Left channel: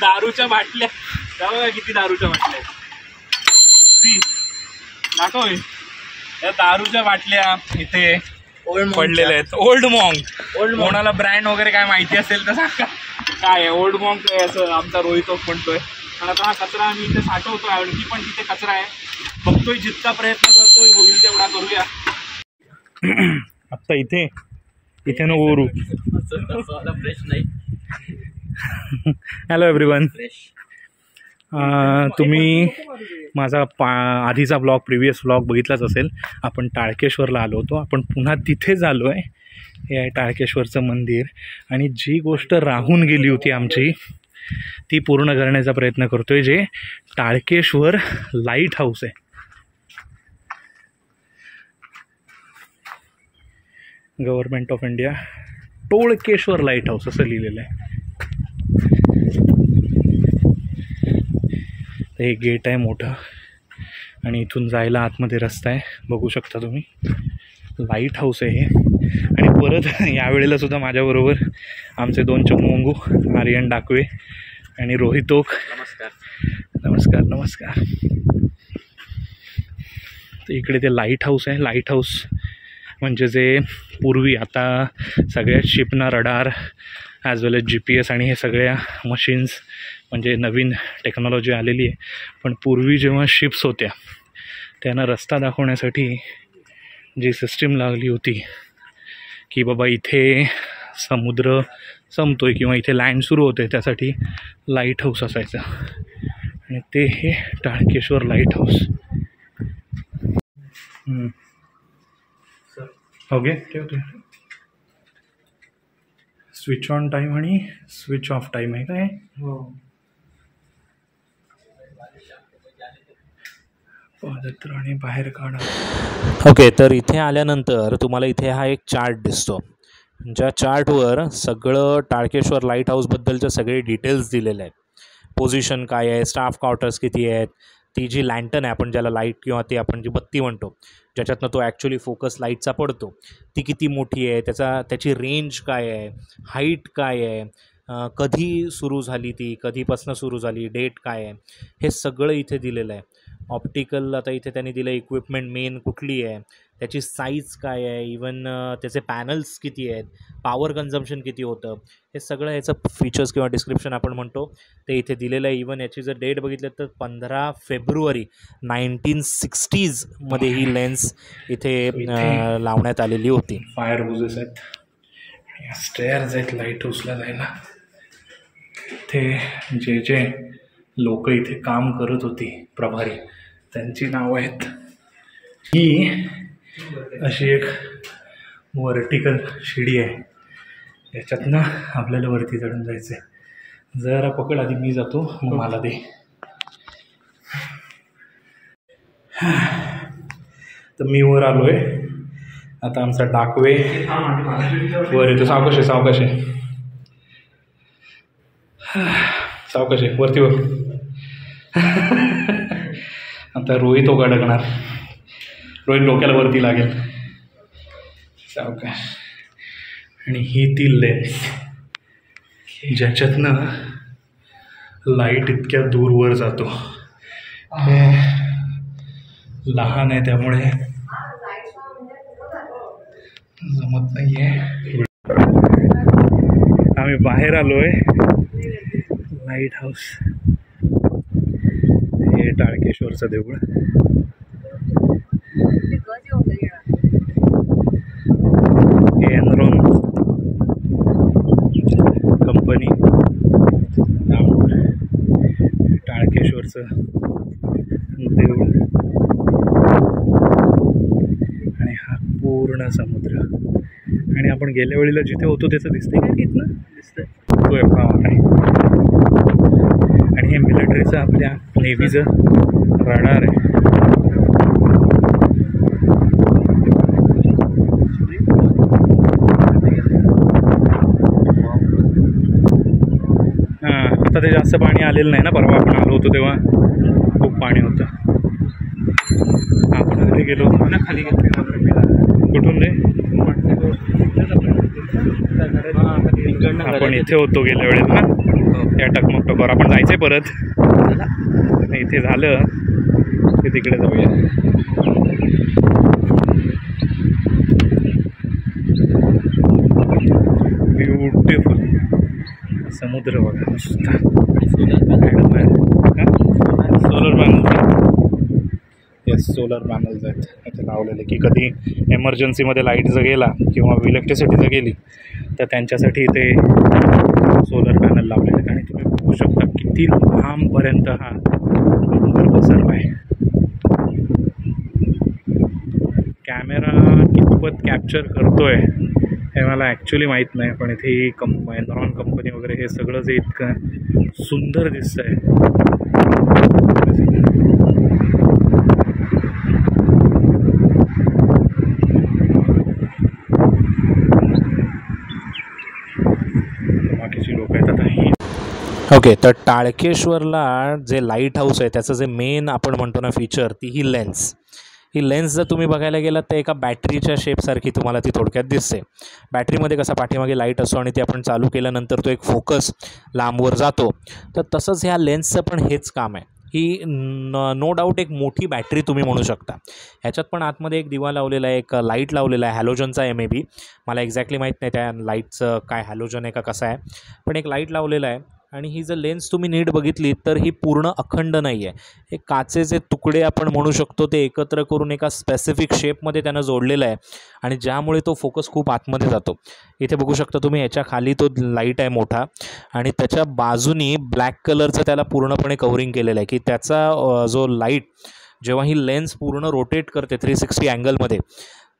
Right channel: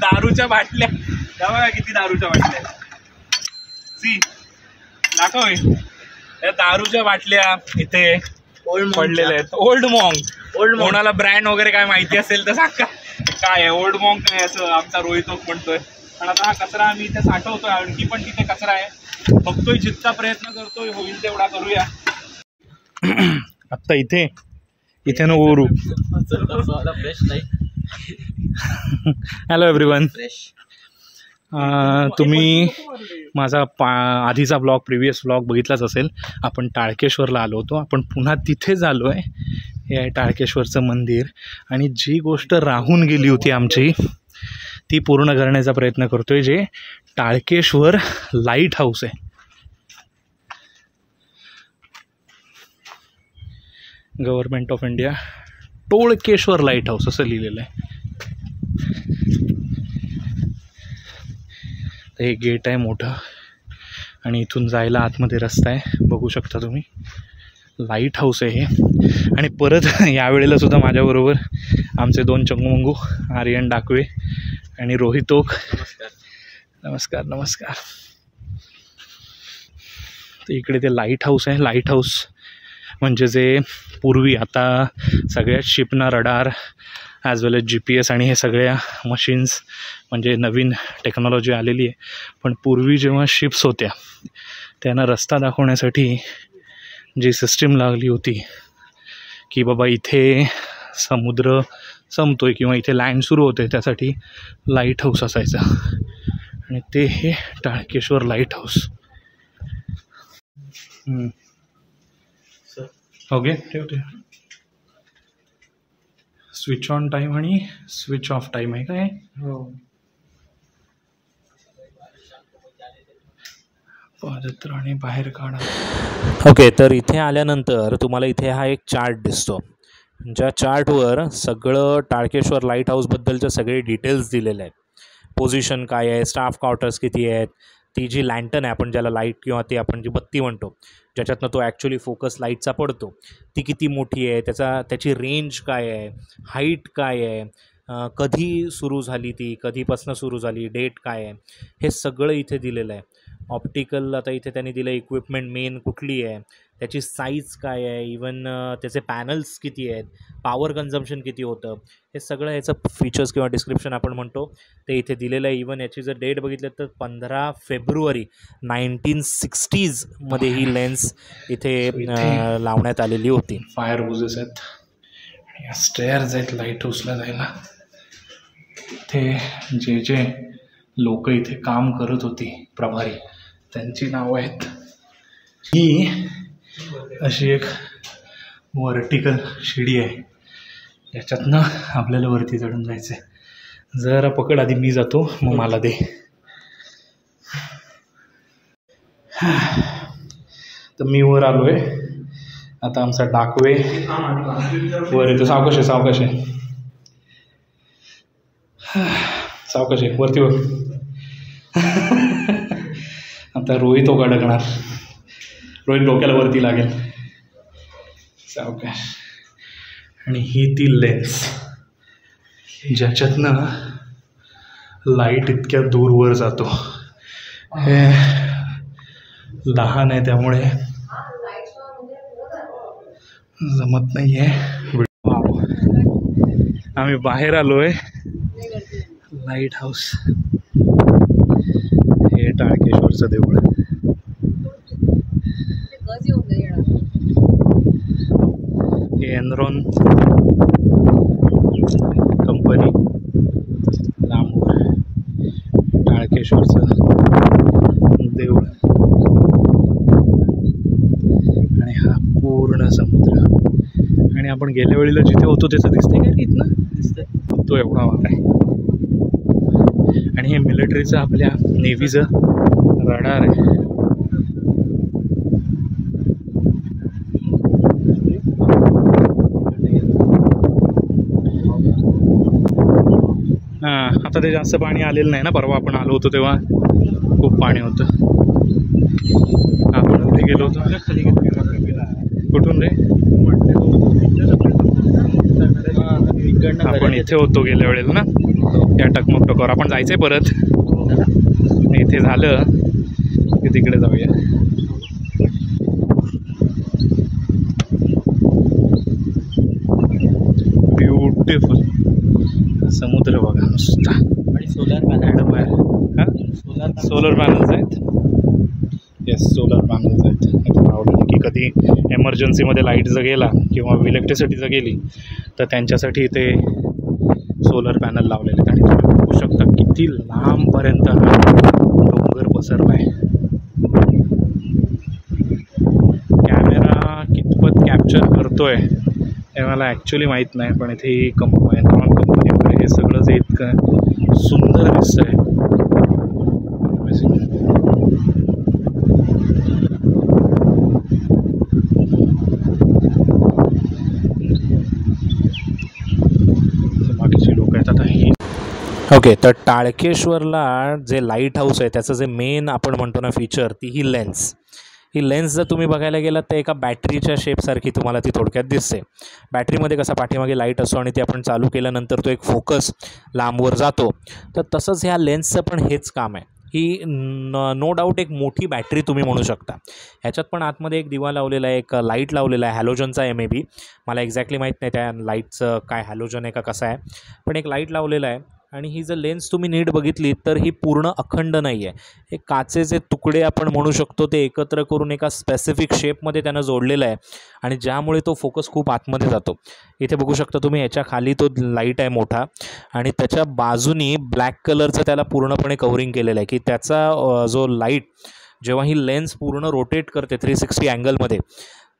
दारूच्या बाटल्या बघा किती दारूच्या बाटल्या सी दाखव या दारूच्या बाटल्या इथे पडलेल्या आहेत. ओल्ड मॉन्ग कोणाला ब्रँड वगैरे काय माहिती असेल तर सांगा काय आहे. ओल्ड मॉन्ग काय असं आमचा रोहित म्हणतोय. पण आता हा कचरा आम्ही इथे साठवतोय. आणखी पण तिथे कचरा आहे. बघतोय जितका प्रयत्न करतोय होईल तेवढा करूया. आत्ता इथे न ओरू. Hello everyone. तुम्ही माझा आधीचा ब्लॉग प्रिव्हियस ब्लॉग बघितलाच असेल. आपण टाळकेश्वरला आलो होतो. आपण पुन्हा तिथेच आलो आहे. हे आहे टाळकेश्वरचं मंदिर. आणि जी गोष्ट राहून गेली होती आमची ती पूर्ण करण्याचा प्रयत्न करतो आहे. जे टाळकेश्वर लाईट हाऊस आहे. Government of India Tolkeshwar lighthouse असं लिहिलेलं आहे. हे गेट आहे मोठं आणि इथून जायला आतमध्ये रस्ता आहे. बघू शकता तुम्ही. लाईट हाऊस आहे हे. आणि परत यावेळेला सुद्धा माझ्याबरोबर आमचे 2 चमूमंगू आर्यन डाकवे आणि रोहित ओक. नमस्कार नमस्कार. तर इकडे ते लाईट हाऊस आहे. लाईट हाऊस म्हणजे जे पूर्वी आता सगळ्या शिपना रडार ॲज वेल एज GPS आणि हे सगळ्या मशीन्स म्हणजे नवीन टेक्नॉलॉजी आलेली आहे. पण पूर्वी जेव्हा शिप्स होत्या त्यांना रस्ता दाखवण्यासाठी जी सिस्टीम लागली होती की बाबा इथे समुद्र संपतोय किंवा इथे लँड सुरू होते त्यासाठी लाईट हाऊस असायचा. आणि ते हे टाळकेश्वर लाईट हाऊस. ओके ठेवते. स्विच ऑन टाईम आणि स्विच ऑफ टाईम आहे काय. हो. पादत्राणे बाहेर काढा. ओके. तर इथे आल्यानंतर तुम्हाला इथे हा एक चार्ट दिसतो. ज्या चार्टवर सगळं टाळकेश्वर लाईट हाऊसबद्दलचे सगळे डिटेल्स दिलेले आहेत. पोझिशन काय आहे, स्टाफ क्वार्टर्स किती आहेत, ती जी लँटन आहे आपण ज्याला लाईट किंवा ती आपण जी बत्ती म्हणतो ज्याच्यातनं तो ॲक्च्युली फोकस लाईटचा पडतो ती किती मोठी आहे, त्याची रेंज काय आहे, हाईट काय आहे, कधी सुरू झाली ती, कधीपासून सुरू झाली, डेट काय आहे, हे सगळं इथे दिलेलं आहे. ऑप्टिकल आता इथे त्यांनी दिलं इक्विपमेंट मेन कुठली आहे, त्याची साईज काय आहे, इवन त्याचे पॅनल्स किती आहेत, पॉवर कन्झम्पशन किती होतं, हे सगळं याचं फीचर्स किंवा डिस्क्रिप्शन आपण म्हणतो ते इथे दिलेलं आहे. इवन याची जर डेट बघितलं तर 15 फेब्रुवारी 1960s मध्ये ही लेन्स इथे लावण्यात आलेली होती. फायर होजेस आहेत आणि स्टेअर्स आहेत लाईट हाऊसला जायला. ते जे लोक इथे काम करत होती प्रभारी त्यांची नावं आहेत. ही अशी एक वर्टिकल शिडी आहे याच्यातनं आपल्याला वरती चढून जायचं आहे. जरा पकड आधी मी जातो मग मला दे. तर मी वर आलो आहे. आता आमचा डाकवे वर येतो. सावकाश आहे सावकाश आहे सावकाश आहे वरती वर. आता रोहित ओघ अडकणार. रोहित डोक्याला वरती लागेल. सावकाश. आणि ही ती लेन्स ज्याच्यातनं लाईट इतक्या दूरवर जातो. हे लहान आहे त्यामुळे जमत नाही आहे. आम्ही बाहेर आलो आहे. लाईट हाऊस हे टाळकेश्वरचं देऊळ. हे एनरॉन कंपनी लांब टाळकेश्वरचं देऊळ आणि हा पूर्ण समुद्र. आणि आपण गेल्या वेळेला जिथे होतो त्याचं दिसतंय काय इथनं दिसतंय तो एवढा आहे. आणि हे मिलिटरीचं आपल्या नेव्हीचं रडार आहे. आता ते जास्त पाणी आलेलं नाही ना. परवा आपण आलो होतो तेव्हा खूप पाणी होतं. आपण तिथे गेलो होतो ना खाली. कुठून रे आपण इथे होतो गेल्या वेळेला ना, या टकमक टोकावर. आपण जायचंय परत, इथे झालं की तिकडे जाऊया. ब्युटिफुल समुद्र बघा नुसता. सोलर पॅनल्स आहेत. येस, सोलर पॅनल्स आहेत इथे लावलेले, की कधी एमर्जन्सीमध्ये लाईट जर गेला किंवा इलेक्ट्रिसिटी जर गेली तर त्यांच्यासाठी इथे सोलर पॅनल लावलेले आहेत. आणि तुम्ही बघू शकता किती लांबपर्यंत हा डोंगर पसरला आहे. कॅमेरा कितपत कॅप्चर करतोय हे मला ॲक्च्युली माहीत नाही, पण इथे ही एनरॉन कंपनी वगैरे हे सगळं जे इतकं सुंदर दिसतं आहे. बाकीची लोक आहेत आता हे. ओके, तर टाळकेश्वरला जे लाईट हाऊस आहे त्याचं जे मेन आपण म्हणतो ना फीचर, ती ही लेन्स. ही लेन्स जर तुम्ही बघायला गेलात तर एका बॅटरीच्या शेपसारखी तुम्हाला ती थोडक्यात दिसते. बॅटरीमध्ये कसा पाठीमागे लाईट असतो आणि ती आपण चालू केल्यानंतर तो एक फोकस लांबवर जातो, तर तसंच ह्या लेन्सचं पण हेच काम आहे. ही नो डाऊट एक मोठी बॅटरी तुम्ही म्हणू शकता. ह्याच्यात पण आतमध्ये एक दिवा लावलेला आहे, एक लाईट लावलेला आहे हॅलोजनचा आहे मे बी, मला एक्झॅक्टली माहीत नाही त्या लाईटचं काय हॅलोजन आहे का कसं आहे, पण एक लाईट लावलेला आहे. आणि ही जर लेन्स तुम्ही नीट बघितली तर ही पूर्ण अखंड नाही आहे. हे काचेचे तुकडे आपण म्हणू शकतो ते एकत्र करून एका स्पेसिफिक शेपमध्ये त्यानं जोडलेलं आहे, आणि ज्यामुळे तो फोकस खूप आतमध्ये जातो. इथे बघू शकता तुम्ही, याच्या खाली तो लाईट आहे मोठा, आणि त्याच्या बाजूनी ब्लॅक कलरचं त्याला पूर्णपणे कव्हरिंग केलेलं आहे, की त्याचा जो लाईट जेव्हा ही लेन्स पूर्ण रोटेट करते 360 अँगलमध्ये,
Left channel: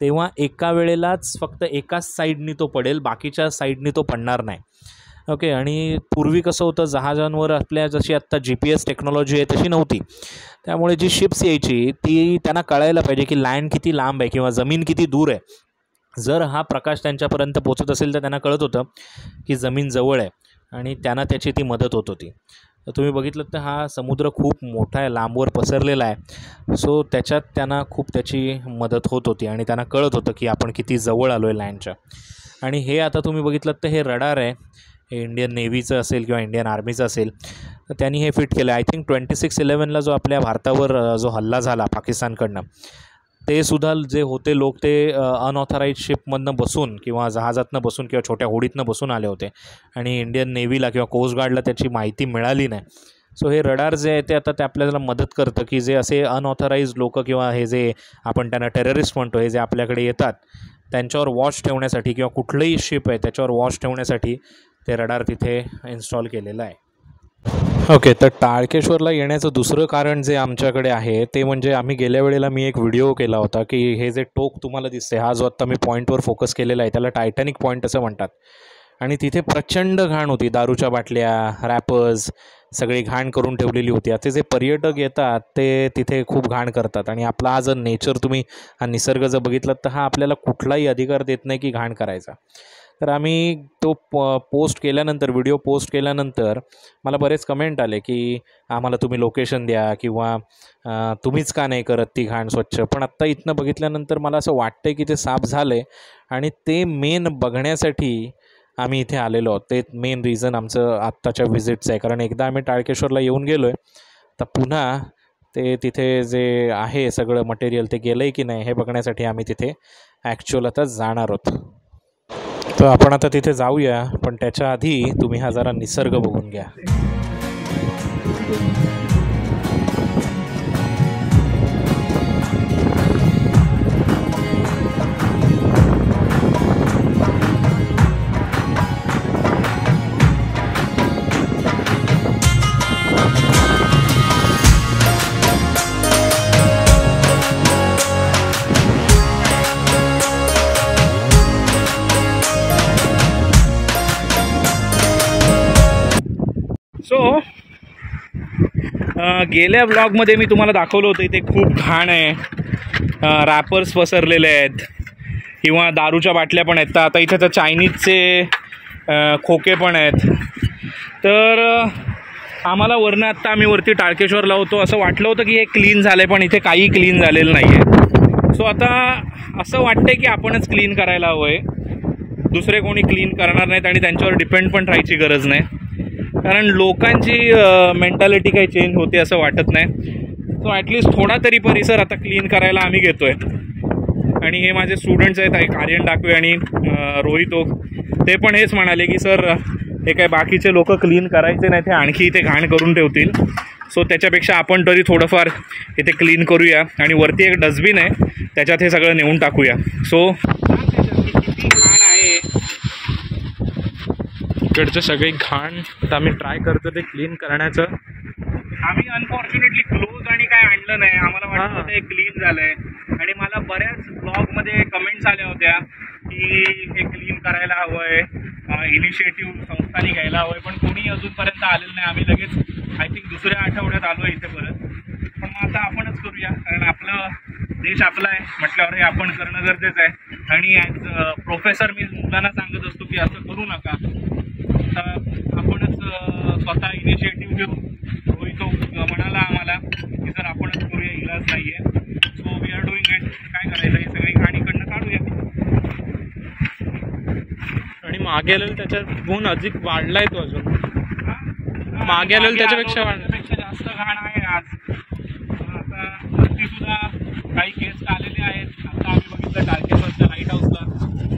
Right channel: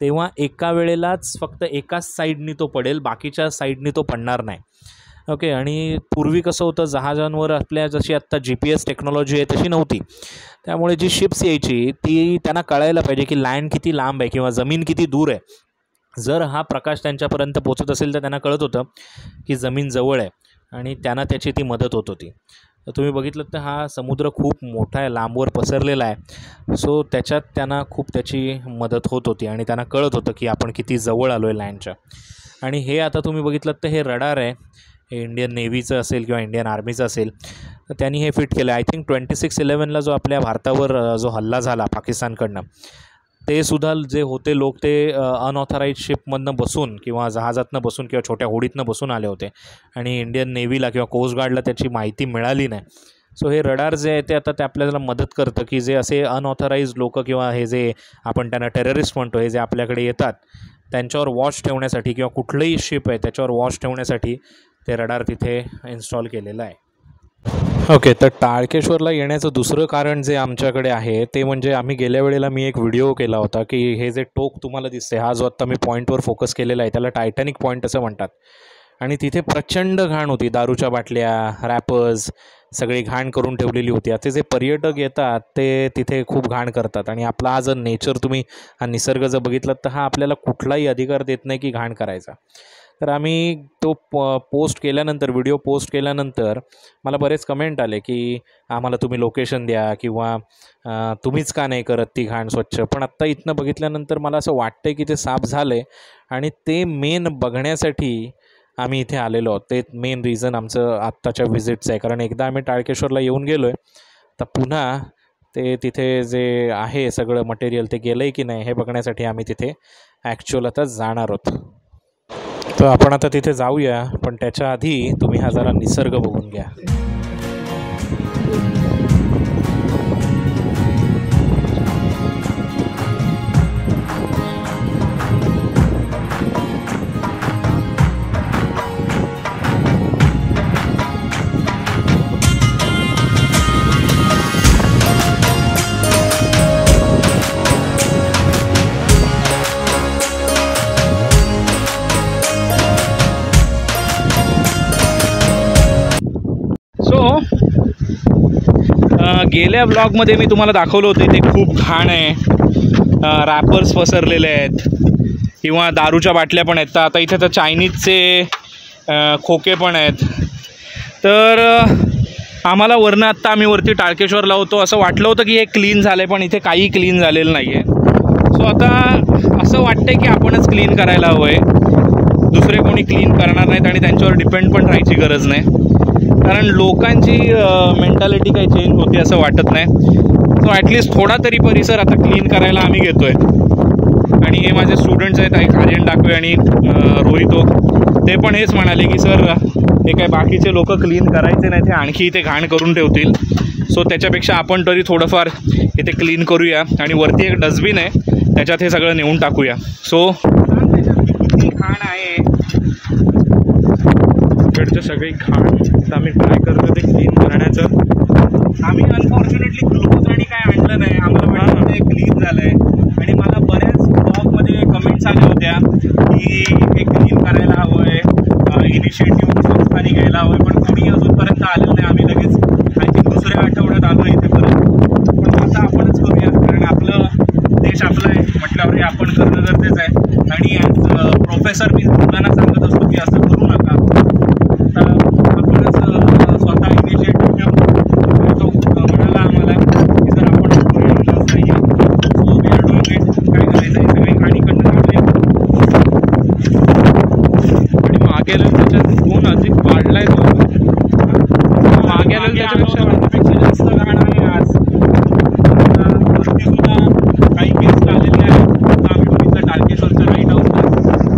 तेव्हा एका वेळेलाच फक्त एकाच साईडनी तो पडेल, बाकीच्या साईडनी तो पडणार नाही. ओके, आणि पूर्वी कसं होतं, जहाजांवर आपल्या जशी आत्ता GPS टेक्नॉलॉजी आहे तशी नव्हती, त्यामुळे जी शिप्स यायची ती त्यांना कळायला पाहिजे की लँड किती लांब आहे किंवा जमीन किती दूर आहे. जर हा प्रकाश त्यांच्यापर्यंत पोचत असेल तर त्यांना कळत होतं की जमीन जवळ आहे, आणि त्यांना त्याची ती मदत होत होती. तर तुम्ही बघितलं तर हा समुद्र खूप मोठा आहे, लांबवर पसरलेला आहे, सो त्याच्यात त्यांना खूप त्याची मदत होत होती आणि त्यांना कळत होतं की आपण किती जवळ आलो आहे लँडच्या. आणि हे आता तुम्ही बघितलं तर हे रडार आहे, हे इंडियन नेव्हीचं असेल किंवा इंडियन आर्मीचं असेल, तर त्यांनी हे फिट केलं आहे. आय थिंक 26/11ला जो आपल्या भारतावर जो हल्ला झाला पाकिस्तानकडनं, ते सुद्धा जे होते लोक ते अनऑथराईज शिपमधनं बसून किंवा जहाजातनं बसून किंवा छोट्या होडीतनं बसून आले होते, आणि इंडियन नेव्हीला किंवा कोस्ट गार्डला त्याची माहिती मिळाली नाही. सो हे रडार जे आहे ते आता ते आपल्याला मदत करतं की जे असे अनऑथराईज लोक किंवा हे जे आपण त्यांना टेररिस्ट म्हणतो, हे जे आपल्याकडे येतात त्यांच्यावर वॉच ठेवण्यासाठी किंवा कुठलंही शिप आहे त्याच्यावर वॉच ठेवण्यासाठी ते रडार तिथे इन्स्टॉल केलेलं आहे. ओके, तर टाळकेश्वरला येण्याचं दुसरं कारण जे आमच्याकडे आहे ते म्हणजे आम्ही गेल्या वेळेला मी एक व्हिडिओ केला होता की हे जे टोक तुम्हाला दिसते, हा जो आत्ता मी पॉईंटवर फोकस केलेला आहे त्याला टायटॅनिक पॉईंट असं म्हणतात, आणि तिथे प्रचंड घाण होती, दारूच्या बाटल्या, रॅपर्स, सगळी घाण करून ठेवलेली होती. आता जे पर्यटक येतात ते तिथे खूप घाण करतात, आणि आपला हा जर नेचर तुम्ही हा निसर्ग जर बघितलात तर हा आपल्याला कुठलाही अधिकार देत नाही की घाण करायचा. तर आम्ही तो पोस्ट केल्यानंतर, व्हिडिओ पोस्ट केल्यानंतर मला बरेच कमेंट आले की आम्हाला तुम्ही लोकेशन द्या किंवा तुम्हीच का नाही करत ती घाण स्वच्छ. पण आत्ता इथनं बघितल्यानंतर मला असं वाटतं की ते साफ झालं आहे, आणि ते मेन बघण्यासाठी आम्ही इथे आलेलो आहोत. ते मेन रिझन आमचं आत्ताच्या व्हिजिटचं आहे, कारण एकदा आम्ही टाळकेश्वरला येऊन गेलो आहे, तर पुन्हा ते तिथे जे आहे सगळं मटेरियल ते गेलं आहे की नाही हे बघण्यासाठी आम्ही तिथे ॲक्च्युअल आता जाणार आहोत. तर आपण आता तिथे जाऊया, पण त्याच्या आधी तुम्ही हा जरा निसर्ग बघून घ्या. गेल्या ब्लॉगमध्ये मी तुम्हाला दाखवलं होतं इथे खूप घाण आहे, रॅपर्स पसरलेले आहेत किंवा दारूच्या बाटल्या पण आहेत. तर आता इथे तर चायनीजचे खोके पण आहेत. तर आम्हाला वरनं आत्ता आम्ही वरती टाळकेश्वरला होतो असं वाटलं होतं की हे क्लीन झालं आहे, पण इथे काही क्लीन झालेलं नाही आहे. सो आता असं वाटतं आहे की आपणच क्लीन करायला हवं आहे. दुसरे कोणी क्लीन करणार नाहीत आणि त्यांच्यावर डिपेंड पण राहायची गरज नाही, कारण लोकांची मेंटॅलिटी काही चेंज होते असं वाटत नाही. सो ॲटलिस्ट थोडा तरी परिसर आता क्लीन करायला आम्ही घेतो आहे. आणि हे माझे स्टुडंट्स आहेत, एक आर्यन डाकवे आणि रोहितो, ते पण हेच म्हणाले की सर हे काय बाकीचे लोक क्लीन करायचे नाही, ते आणखी इथे घाण करून ठेवतील. सो त्याच्यापेक्षा आपण तरी थोडंफार इथे क्लीन करूया. आणि वरती एक डस्टबिन आहे, त्याच्यात हे सगळं नेऊन टाकूया. सो त्याच्यात किती घाण आहे, इकडचं सगळी घाण आता आम्ही ट्राय करतो ते क्लीन करण्याचं. आम्ही अनफॉर्च्युनेटली ग्लोव्ज आणि काय आणलं नाही, आम्हाला वाटलं ते क्लीन झालं आहे. आणि मला बऱ्याच ब्लॉगमध्ये कमेंट्स आल्या होत्या की हे क्लीन करायला हवं आहे, इनिशिएटिव्ह संस्थांनी घ्यायला हवं आहे, पण कोणी अजूनपर्यंत आलेलं नाही. आम्ही लगेच आय थिंक दुसऱ्या आठवड्यात आलो इथे परत. पण मग आता आपणच करूया, कारण आपलं देश आपला आहे म्हटल्यावर हे आपण करणं गरजेचं आहे. आणि ॲज प्रोफेसर मी मुलांना सांगत असतो की असं करू नका, तर आपणच स्वतः इनिशिएटिव्ह घेऊ. तो म्हणाला आम्हाला की जर आपण करूया, इलाज नाही आहे. So we are doing it. काय करायचं, ही सगळी गाडी कडनं काढूया. आणि मागे आलेलं त्याच्यात गुण अधिक वाढलाय, तो मागे आलेलं त्याच्यापेक्षा जास्त घाण आहे आज. सुद्धा काही गेस्ट आलेले आहेत. आता आम्ही बघितलं टाळकेश्वरच्या लाईट हाऊसला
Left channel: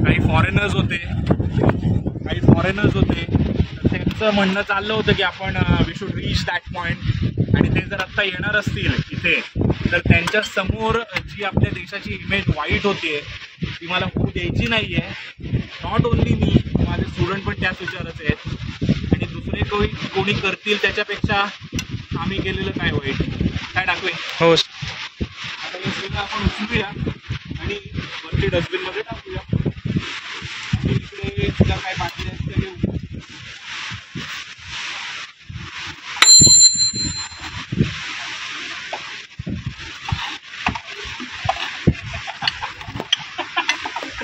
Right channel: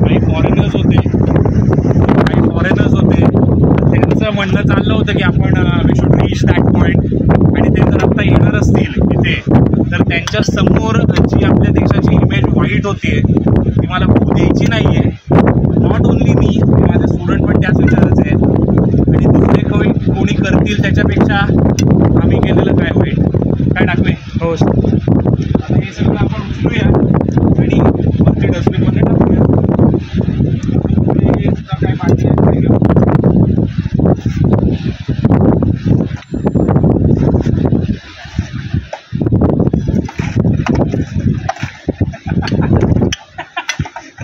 काही फॉरेनर्स होते. त्यांचं म्हणणं चाललं होतं की आपण we should reach that point. आणि ते जर आत्ता येणार असतील इथे, तर त्यांच्या समोर जी आपल्या देशाची इमेज वाईट होती ती मला होऊ द्यायची नाही आहे. नॉट ओन्ली मी, माझे स्टुडंट पण त्याच विचारायचे आहेत. आणि दुसरे कोणी करतील त्याच्यापेक्षा आम्ही केलेलं काय होईल. काय टाकवे हो. आता हे सगळं आपण उचलूया आणि वरती डस्टबिनमध्ये टाकूया. इकडे सुद्धा काय बाटल्या तिकडे घेऊ.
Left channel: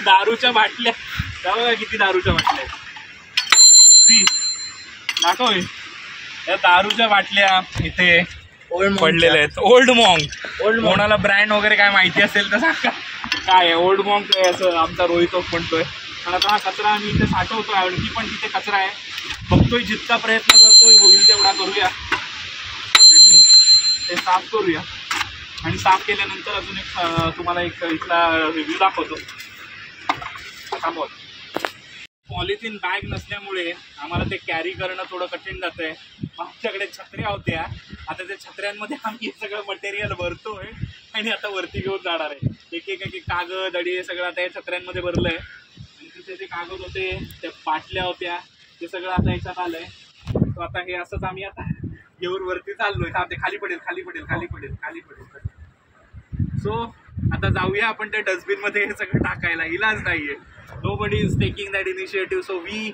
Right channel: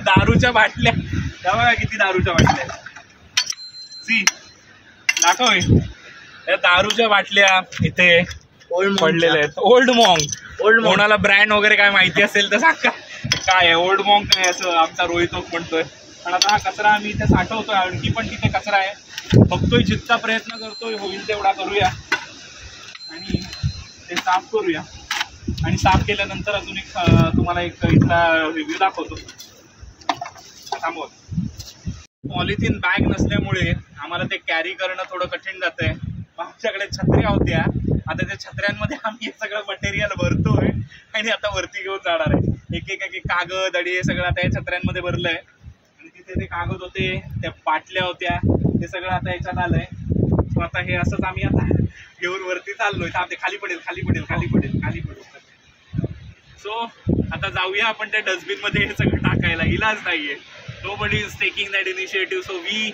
दारूच्या बाटल्या, बघा किती दारूच्या बाटल्या. सी दाखव, या दारूच्या बाटल्या इथे पडलेले आहेत. ओल्ड मॉन्क, कोणाला ब्रँड वगैरे काय माहिती असेल तर सांगा काय आहे. ओल्ड मॉन्क काय असं आमचा रोहितो म्हणतोय. पण आता हा कचरा आम्ही इथे साठवतोय, आणखी पण तिथे कचरा आहे. बघतोय, जितका प्रयत्न करतोय होईल तेवढा करूया आणि ते साफ करूया. आणि साफ केल्यानंतर अजून एक तुम्हाला एक इथला रिव्ह्यू दाखवतो. थांबव. पॉलिथिन बॅग नसल्यामुळे आम्हाला ते कॅरी करणं थोडं कठीण जातंय. आमच्याकडे छत्र्या होत्या, आता त्या छत्र्यांमध्ये आम्ही हे सगळं मटेरियल भरतोय आणि आता वरती घेऊन जाणार आहे. एक एक कागद आणि हे सगळं आता या छत्र्यांमध्ये भरलं आहे. आणि तिथे ते कागद होते, त्या बाटल्या होत्या, ते सगळं आता याच्यात आलं आहे. सो आता हे असंच आम्ही आता घेऊन वरती चाललोय. ते खाली पडेल. सो आता जाऊया आपण त्या डस्टबिनमध्ये हे सगळं टाकायला. इलाज नाही आहे. Nobody is taking that initiative. So we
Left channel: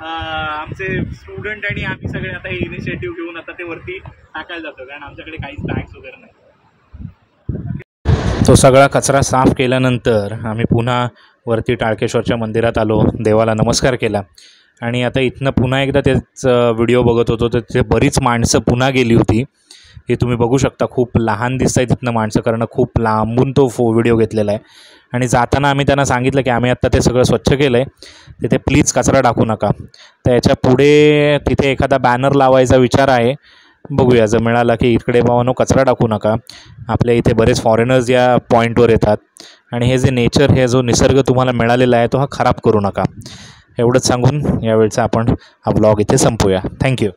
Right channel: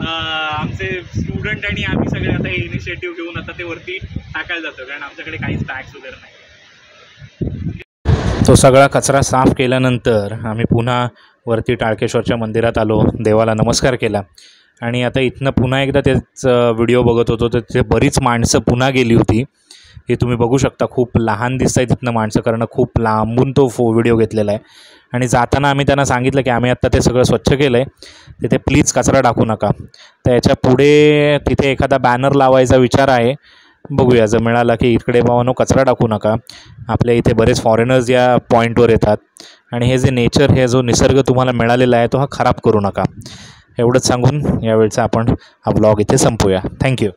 आमचे स्टुडंट आणि आम्ही सगळे आता हे इनिशिएटिव्ह घेऊन आता ते वरती टाकायला जातो, कारण आमच्याकडे काहीच बॅग्स वगैरे नाही. तो सगळा कचरा साफ केल्यानंतर आम्ही पुन्हा वरती टाळकेश्वरच्या मंदिरात आलो, देवाला नमस्कार केला. आणि आता इथनं पुन्हा एकदा तेच व्हिडिओ बघत होतो, तर तिथे बरीच माणसं पुन्हा गेली होती. हे तुम्ही बघू शकता, खूप लहान दिसत आहे तिथनं माणसं, कारण खूप लांबून तो व्हिडिओ घेतलेला आहे. आणि जाताना आम्ही त्यांना सांगितलं की आम्ही आत्ता ते सगळं स्वच्छ केलं आहे, तिथे प्लीज कचरा टाकू नका. तर याच्या पुढे तिथे एखादा बॅनर लावायचा विचार आहे. बघूया, जर मिळाला की इकडे बाबांनो कचरा टाकू नका. आपल्या इथे बरेच फॉरेनर्स या पॉईंटवर येतात आणि हे जे नेचर, हे जो निसर्ग तुम्हाला मिळालेला आहे तो हा खराब करू नका. एवढंच सांगून यावेळचा आपण हा ब्लॉग इथे संपवूया. थँक्यू.